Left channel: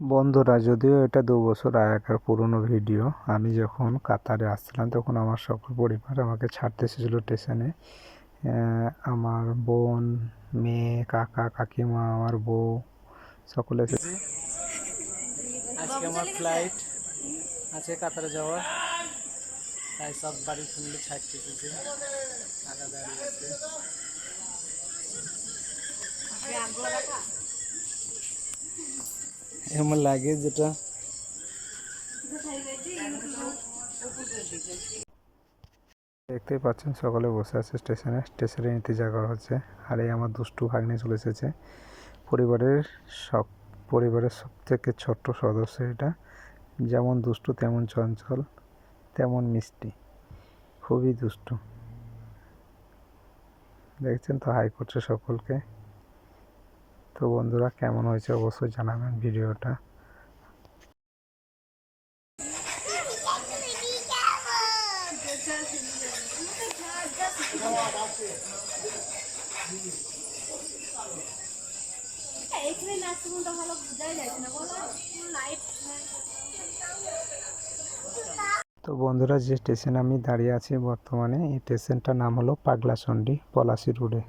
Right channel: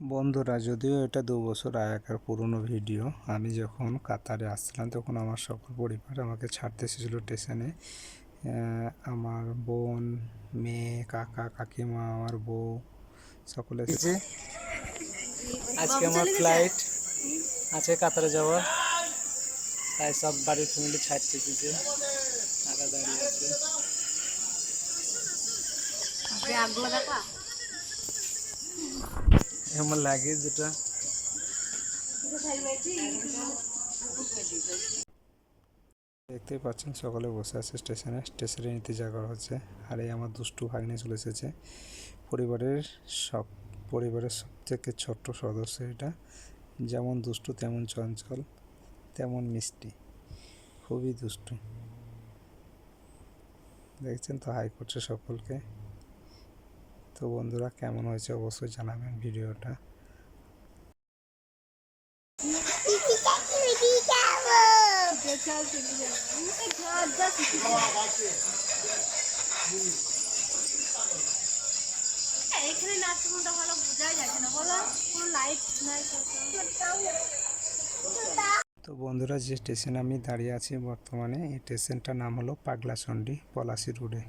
বন্ধুরা, যদিও এটা 2 বছর আগেকার পুরনো ভিডিও, আমি যখন কাতারে আসছিলাম তখন আমার সকল পরিবার আমাকে ছাড়তে এসেছিলো স্টেশনে। আমার বোন, মেয়ে, কাকা, কাকিমা, আমার বউ সকলে এসেছি। আজকে আমার ফ্লাইট আছে কাতারে যাওয়ার, তাই সব বাড়ির ফ্যামিলি ছাড়তে এসেছে। কাকা দাঁড়িয়ে আছে। আমার লাগেজ যেটা দেখতেই পাচ্ছেন, সকলে বসে আছে স্টেশনে ইন্তজার করা হচ্ছে। আর এই আমার দুষ্টু ভাগ্নে চলে এসেছে। পরিবারের সব পরিবারের সবথেকে ছোট্ট সদস্য এটা। যেমন দুষ্টু তেমন চঞ্চল, তেমন মিষ্টি, খুবই দুষ্টু। দেখছেন তো, হাই করছে সকলকে। তো বন্ধুরা, কেমন হয়েছে অবশ্যই জানাবেন ভিডিওটা। এখানে নাচটা ভালো বোঝাই যাচ্ছে না, বলো কোনো লাইট নাই। তো বন্ধুরা, যে স্টেশনে আমি দাঁড়িয়ে আছি বর্তমানে, এই স্টেশনটার নাম হলো পাগলাচণ্ডী, পলাশী রোডে।